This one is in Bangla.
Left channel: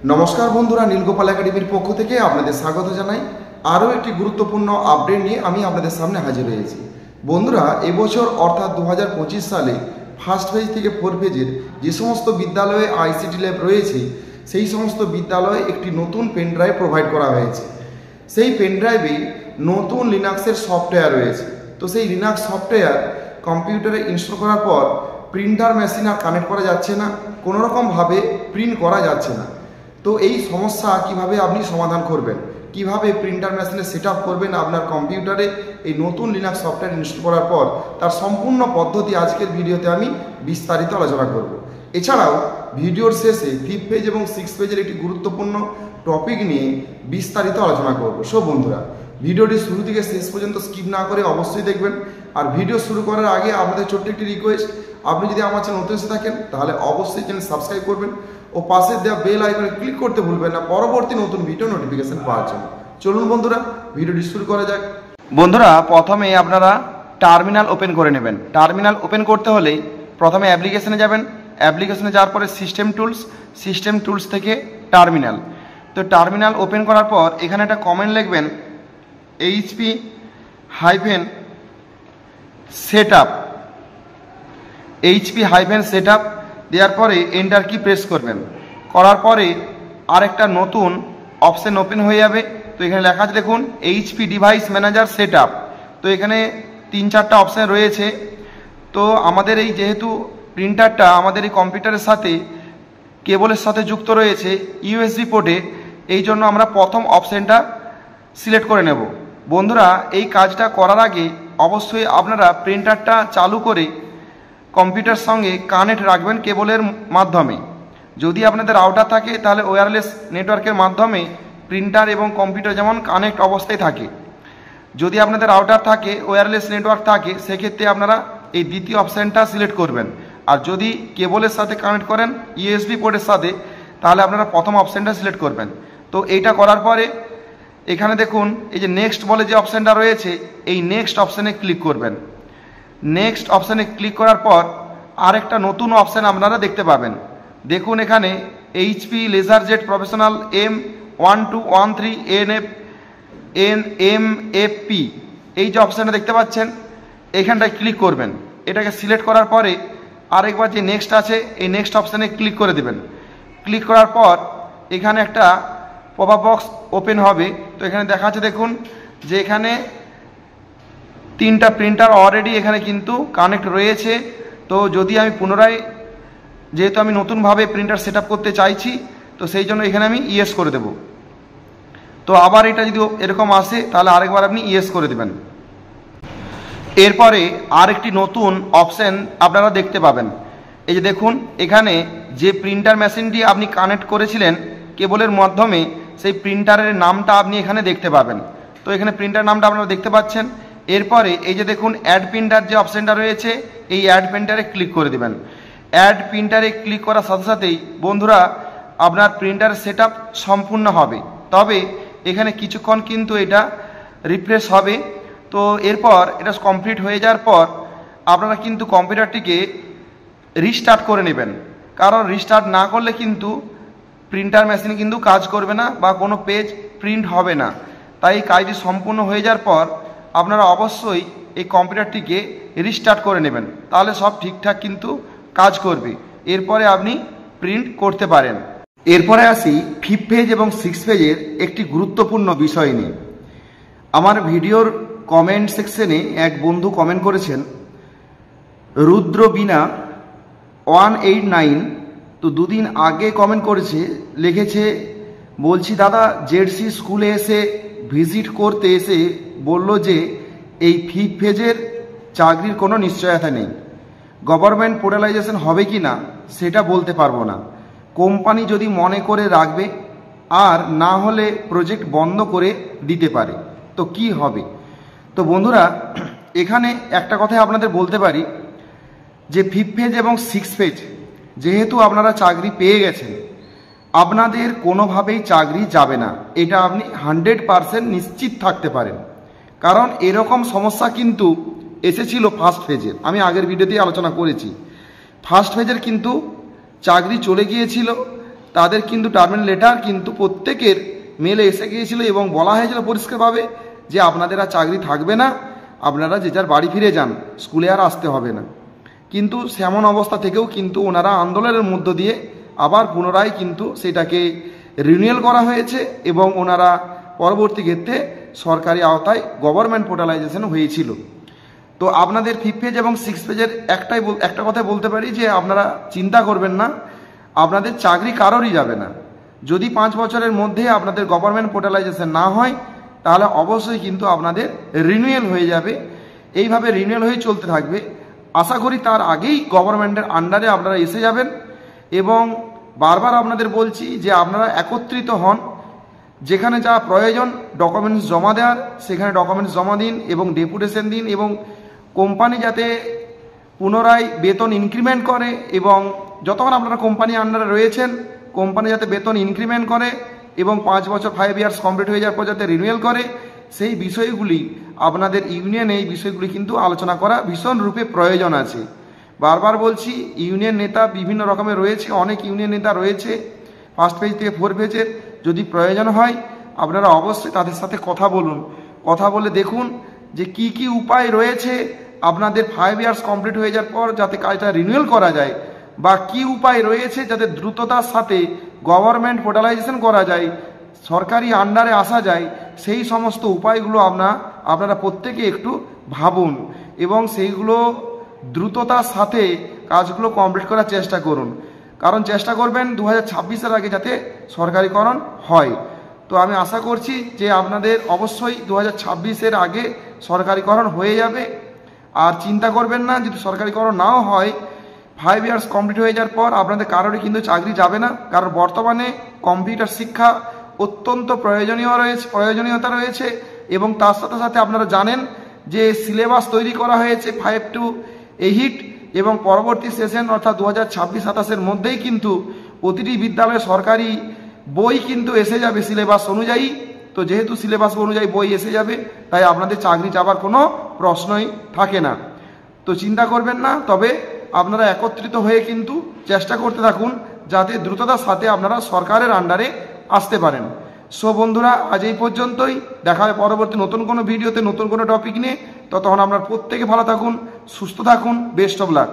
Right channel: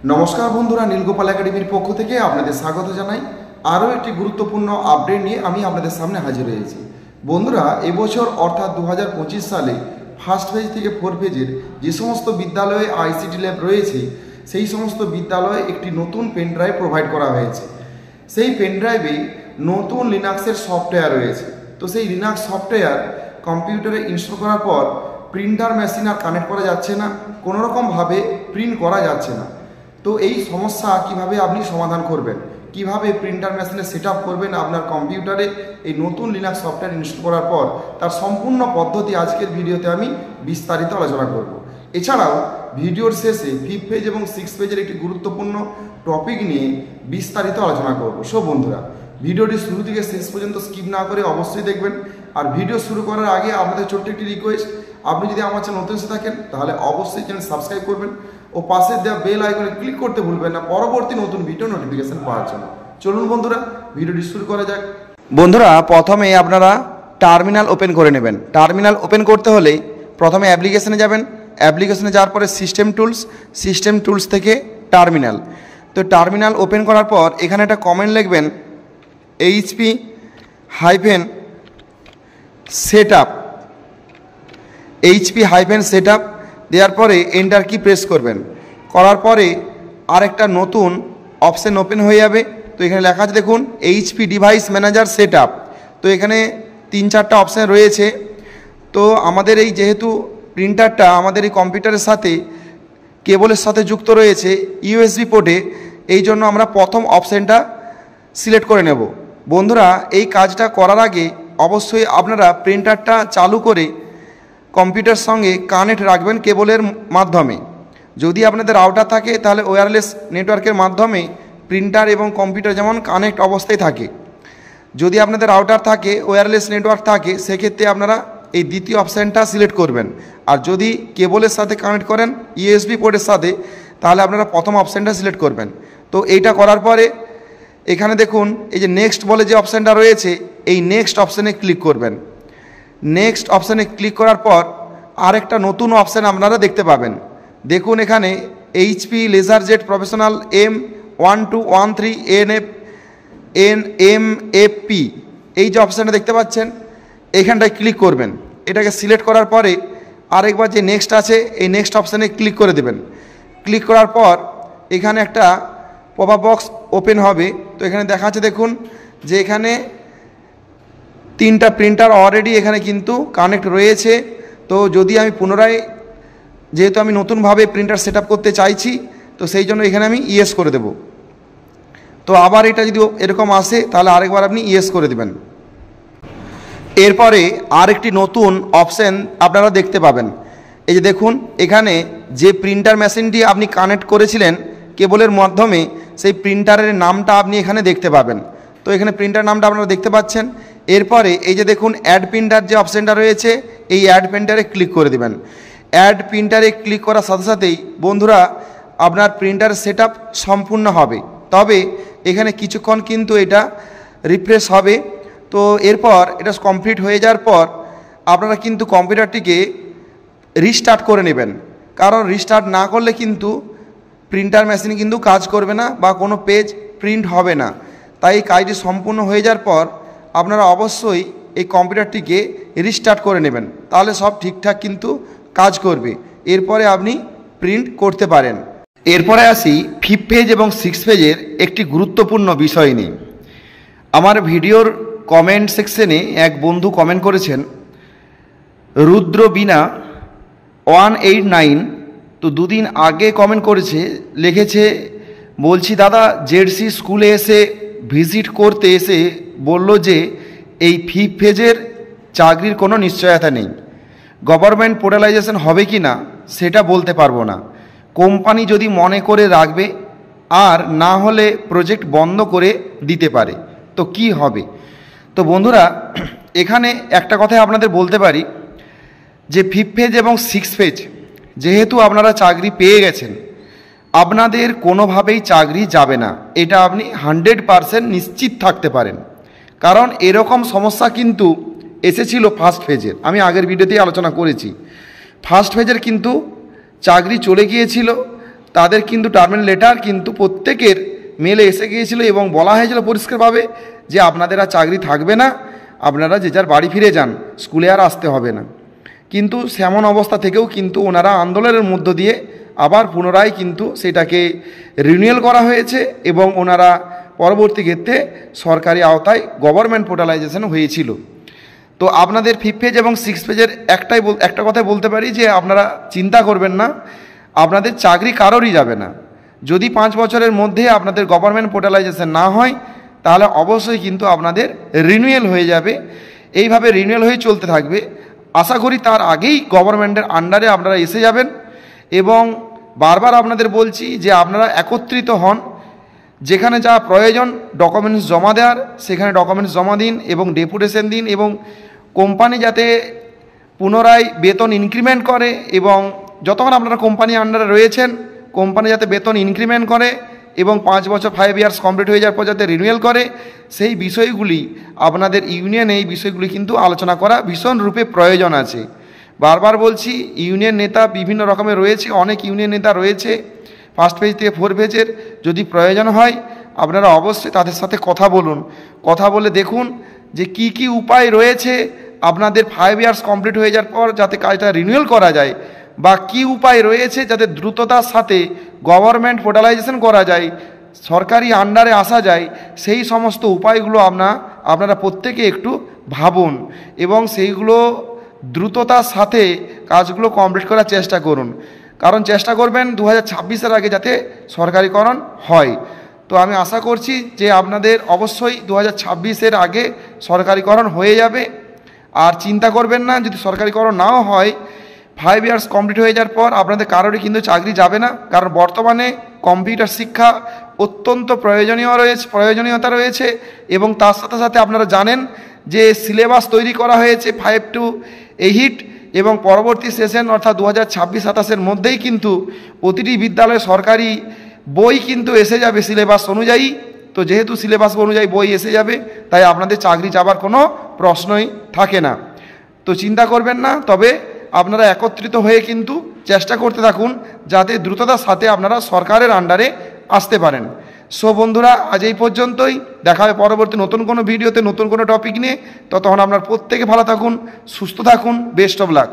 नमस्कार बंधुरा नीलगोपाल एकाडेमिर पक्ष থেকে আপনাদের স্বাগত জানাই। আরও একটি গুরুত্বপূর্ণ আপডেট নিয়ে আমি আপনাদের সামনে হাজির হয়েছি। বন্ধুরা এবছর অর্থাৎ 2025 সালে ফার্স্ট ফেজ থেকে ফোর ফেজের যে সমস্ত বিদ্যালয়ে আইসিটি ল্যাব রয়েছে সেই সমস্ত বিদ্যালয়ে একটি নতুন পেন ড্রাইভ প্রোভাইড করা হয়েছে। সেই পেন ড্রাইভে নতুন লিনাক্সের সফটওয়্যার রয়েছে। তো সেই লিনাক্স সফটওয়্যার কম্পিউটারে ইনস্টল করার পর প্রিন্টার মেশিন আর কানেক্ট করা যাচ্ছে না, কোনোরকমভাবে প্রিন্ট করা যাচ্ছে না। তো এই সমস্যা কিভাবে আপনি সমাধান করবেন, কিভাবে প্রিন্টার মেশিনে সেট আপ করবেন আপনার কম্পিউটারে এই নতুন লিনাক্স সফটওয়্যার ইনস্টল করার পর, তার সম্পূর্ণ পদ্ধতি আজকের ভিডিওতে আমি বিস্তারিত আলোচনা করব। এছাড়াও ভিডিওর শেষে ফিফথ পেজ এবং সিক্স পেজের একটি গুরুত্বপূর্ণ টপিক নিয়ে বিস্তারিত আলোচনা করব। সো বন্ধুরা ভিডিওটি শুরু থেকে শেষ পর্যন্ত স্কিপ না করে অবশ্যই দেখবেন। আর ভিডিও শুরু করার আগে আপনাদের ছোট্ট একটি রিকোয়েস্ট, আপনি যদি আমার চ্যানেল নতুন এসে থাকেন তাহলে অবশ্যই চ্যানেল সাবস্ক্রাইব করবেন ও পাশে দেওয়া বেল আইকনে ক্লিক করতে ভুলবেন না পরবর্তী নতুন ভিডিও নোটিফিকেশন পাওয়ার জন্য। চলুন বন্ধুরা ভিডিওটি শুরু করা যাক। বন্ধুরা প্রথমে আপনারা টার্মিনাল ওপেন করে নেবেন। টার্মিনাল ওপেন করতে হলে প্রথমে অ্যাপ্লিকেশনে যাবেন, অ্যাপ্লিকেশনে যাওয়ার পরে সিস্টেম টুলস থেকে টার্মিনাল। তো টার্মিনাল ওপেন করার পর এখানে একটা কমেন্ট লিখবেন HP-setup দেওয়ার পরে এন্টার কি প্রেস করবেন। করার পরে আরেকটা নতুন অপশন ওপেন হয়ে যাবে। তো এখানে লেখা আছে দেখুন HP ডিভাইস ম্যানেজার সেটআপ। তো এখানে 3-4টা অপশান রয়েছে। তো আমাদের এই যেহেতু প্রিন্টারটা আমাদের এই কম্পিউটারের সাথে কেবলের সাথে যুক্ত রয়েছে USB পোর্টে, এই জন্য আমরা প্রথম অপশানটা সিলেক্ট করে নেব। বন্ধুরা এই কাজটা করার আগে অবশ্যই আপনারা প্রিন্টারটা চালু করে কম্পিউটার সঙ্গে কানেক্ট রাখবেন কেবলের মাধ্যমে। যদি আপনাদের রাউটার থাকে তাহলে ওয়্যারলেস নেটওয়ার্কের মাধ্যমে প্রিন্টার এবং কম্পিউটার যেমন কানেক্ট অবস্থায় থাকে। যদি আপনাদের রাউটার থাকে, ওয়্যারলেস নেটওয়ার্ক থাকে, সেক্ষেত্রে আপনারা এই দ্বিতীয় অপশানটা সিলেক্ট করবেন। আর যদি কেবলের সাথে কানেক্ট করেন USB পোর্টের সাথে, তাহলে আপনারা প্রথম অপশানটা সিলেক্ট করবেন। তো এইটা করার পরে এখানে দেখুন এই যে নেক্সট বলে যে অপশানটা রয়েছে, এই নেক্সট অপশানে ক্লিক করবেন। নেক্সট অপশানে ক্লিক করার পর আরেকটা নতুন অপশান আপনারা দেখতে পাবেন। দেখুন এখানে HP LaserJet professional M1213 NMFP এই যে অপশানটা দেখতে পাচ্ছেন, এইখানটায় ক্লিক করবেন। এটাকে সিলেক্ট করার পরে আরেকবার যে নেক্সট আছে এই নেক্সট অপশানে ক্লিক করে দেবেন। ক্লিক করার পর এখানে একটা পপআপ বক্স ওপেন হবে। তো এখানে দেখা যাচ্ছে দেখুন যে এখানে 3টা প্রিন্টার অলরেডি এখানে কিন্তু কানেক্ট রয়েছে। তো যদি আমি পুনরায়, যেহেতু আমি নতুনভাবে প্রিন্টার সেট করতে চাইছি, তো সেই জন্য এখানে আমি ইয়েস করে দেব। তো আবার এটা যদি এরকম আসে তাহলে আরেকবার আপনি ইয়েস করে দেবেন। এরপরে আরেকটি নতুন অপশান আপনারা দেখতে পাবেন। এই যে দেখুন এখানে যে প্রিন্টার মেশিনটি আপনি কানেক্ট করেছিলেন কেবলের মাধ্যমে, সেই প্রিন্টারের নামটা আপনি এখানে দেখতে পাবেন। তো এখানে প্রিন্টার নামটা আপনারা দেখতে পাচ্ছেন। এরপরে এই যে দেখুন অ্যাড প্রিন্টার যে অপশানটা রয়েছে, এই অ্যাড প্রিন্টারে ক্লিক করে দেবেন। অ্যাড প্রিন্টারে ক্লিক করার সাথে সাথেই বন্ধুরা আপনার প্রিন্টার সেট আপ সম্পূর্ণ হবে। তবে এখানে কিছুক্ষণ কিন্তু এটা রিফ্রেশ হবে। তো এরপর এটা কমপ্লিট হয়ে যাওয়ার পর আপনারা কিন্তু কম্পিউটারটিকে রিস্টার্ট করে নেবেন। কারণ রিস্টার্ট না করলে কিন্তু প্রিন্টার মেশিন কিন্তু কাজ করবে না বা কোনো পেজ প্রিন্ট হবে না। তাই এই কাজটি সম্পূর্ণ হয়ে যাওয়ার পর আপনারা অবশ্যই এই কম্পিউটারটিকে রিস্টার্ট করে নেবেন, তাহলে সব ঠিকঠাক কিন্তু কাজ করবে। এরপরে আপনি প্রিন্ট করতে পারেন। এরপরে আসি ফিফথ পেজ এবং সিক্স পেজের একটি গুরুত্বপূর্ণ বিষয় নিয়ে। আমার ভিডিওর কমেন্ট সেকশনে এক বন্ধু কমেন্ট করেছেন, রুদ্রবীণা 189। তো দুদিন আগে কমেন্ট করেছে, লিখেছে, বলছি দাদা জেডসি স্কুলে এসে ভিজিট করতে এসে বলল যে এই ফিফথ পেজের চাকরির কোনো নিশ্চয়তা নেই, গভর্নমেন্ট পোর্টালাইজেশন হবে কি না সেটা বলতে পারবো না, কোম্পানি যদি মনে করে রাখবে আর না হলে প্রজেক্ট বন্ধ করে দিতে পারে, তো কি হবে। তো বন্ধুরা এখানে একটা কথা আপনাদের বলতে পারি যে ফিফথ পেজ এবং সিক্স পেজ যেহেতু আপনারা চাকরি পেয়ে গেছেন, আপনাদের কোনোভাবেই চাকরি যাবে না, এটা আপনি 100% নিশ্চিত থাকতে পারেন। কারণ এরকম সমস্যা কিন্তু এসেছিল ফার্স্ট ফেজের, আমি আগের ভিডিওতেই আলোচনা করেছি। ফার্স্ট ফেজের কিন্তু চাকরি চলে গিয়েছিল, তাদের কিন্তু টার্মিনেশন লেটার কিন্তু প্রত্যেকের মেলে এসে গিয়েছিল এবং বলা হয়েছিল পরিষ্কারভাবে যে আপনাদের আর চাকরি থাকবে না, আপনারা যে যার বাড়ি ফিরে যান, স্কুলে আর আসতে হবে না। কিন্তু সেমন অবস্থা থেকেও কিন্তু ওনারা আন্দোলনের মধ্য দিয়ে আবার পুনরায় কিন্তু সেটাকে রিনিউয়াল করা হয়েছে এবং ওনারা পরবর্তী ক্ষেত্রে সরকারি আওতায় গভর্নমেন্ট পোর্টালাইজেশন হয়েছিল। তো আপনাদের 5 পেজ এবং 6 পেজের একটা কথাই বলতে পারি যে আপনারা চিন্তা করবেন না, আপনাদের চাকরি কারোরই যাবে না। যদি 5 বছরের মধ্যে আপনাদের গভর্নমেন্ট পোর্টালাইজেশন না হয় তাহলে অবশ্যই কিন্তু আপনাদের রিনিউয়াল হয়ে যাবে। এইভাবে রিনিউয়াল হয়ে চলতে থাকবে। আশা করি তার আগেই গভর্নমেন্টের আন্ডারে আপনারা এসে যাবেন এবং বারবার আপনাদের বলছি যে আপনারা একত্রিত হন, যেখানে যা প্রয়োজন ডকুমেন্টস জমা দেওয়ার সেখানে ডকুমেন্টস জমা দিন এবং ডেপুটেশন দিন এবং কোম্পানি যাতে পুনরায় বেতন ইনক্রিমেন্ট করে এবং যতক্ষণ আপনারা কোম্পানি আন্ডারে রয়েছেন কোম্পানি যাতে বেতন ইনক্রিমেন্ট করে এবং 5 বছর 5 ইয়ার্স কমপ্লিট হয়ে যাওয়ার পর যাতে রিনিউয়াল করে, সেই বিষয়গুলি আপনাদের ইউনিয়নে এই বিষয়গুলি কিন্তু আলোচনা করা ভীষণ রূপে প্রয়োজন আছে। বারবার বলছি ইউনিয়ন নেতা বিভিন্ন রকমের রয়েছে, অনেক ইউনিয়ন নেতা রয়েছে 1 পেজ থেকে 4 পেজের। যদি প্রয়োজন হয় আপনারা অবশ্যই তাদের সাথে কথা বলুন, কথা বলে দেখুন যে কি কি উপায় রয়েছে আপনাদের 5 ইয়ার্স কমপ্লিট হয়ে যাওয়ার পর যাতে কাজটা রিনিউয়াল করা যায়, বা কি উপায় রয়েছে যাতে দ্রুততার সাথে গভর্নমেন্ট পোর্টালাইজেশন করা যায়, সরকারি আন্ডারে আসা যায়। সেই সমস্ত উপায়গুলো আপনারা প্রত্যেকে একটু ভাবুন এবং সেইগুলো দ্রুততার সাথে কাজগুলো কমপ্লিট করার চেষ্টা করুন। কারণ চেষ্টা করবেন 2026-এর আগে যাতে সরকারিকরণ হয়। তো আমি আশা করছি যে আপনাদের অবশ্যই 2026-এর আগে সরকারিকরণ হয়ে যাবে। আর চিন্তা করবেন না, যদি সরকারিকরণ নাও হয় 5 ইয়ার্স কমপ্লিট হয়ে যাওয়ার পর আপনাদের কারোরই কিন্তু চাকরি যাবে না। কারণ বর্তমানে কম্পিউটার শিক্ষা অত্যন্ত প্রয়োজনীয়তা রয়েছে এবং তার সাথে সাথে আপনারা জানেন যে সিলেবাস তৈরি করা হয়েছে 5 to 8 এবং পরবর্তী সেশন অর্থাৎ 2026-27-এর মধ্যেই কিন্তু প্রতিটি বিদ্যালয়ে সরকারি বই কিন্তু এসে যাবে সিলেবাস অনুযায়ী। তো যেহেতু সিলেবাস অনুযায়ী বই এসে যাবে তাই আপনাদের চাকরি যাবার কোনো প্রশ্নই থাকে না। তো চিন্তা করবেন না, তবে আপনারা একত্রিত হয়ে কিন্তু চেষ্টা করতে থাকুন যাতে দ্রুততার সাথে আপনারা সরকারের আন্ডারে আসতে পারেন। সো বন্ধুরা, আজ এই পর্যন্তই। দেখা হবে পরবর্তী নতুন কোনো ভিডিওতে নতুন কোনো টপিক নিয়ে। ততক্ষণ আপনারা প্রত্যেকে ভালো থাকুন, সুস্থ থাকুন। Best of luck.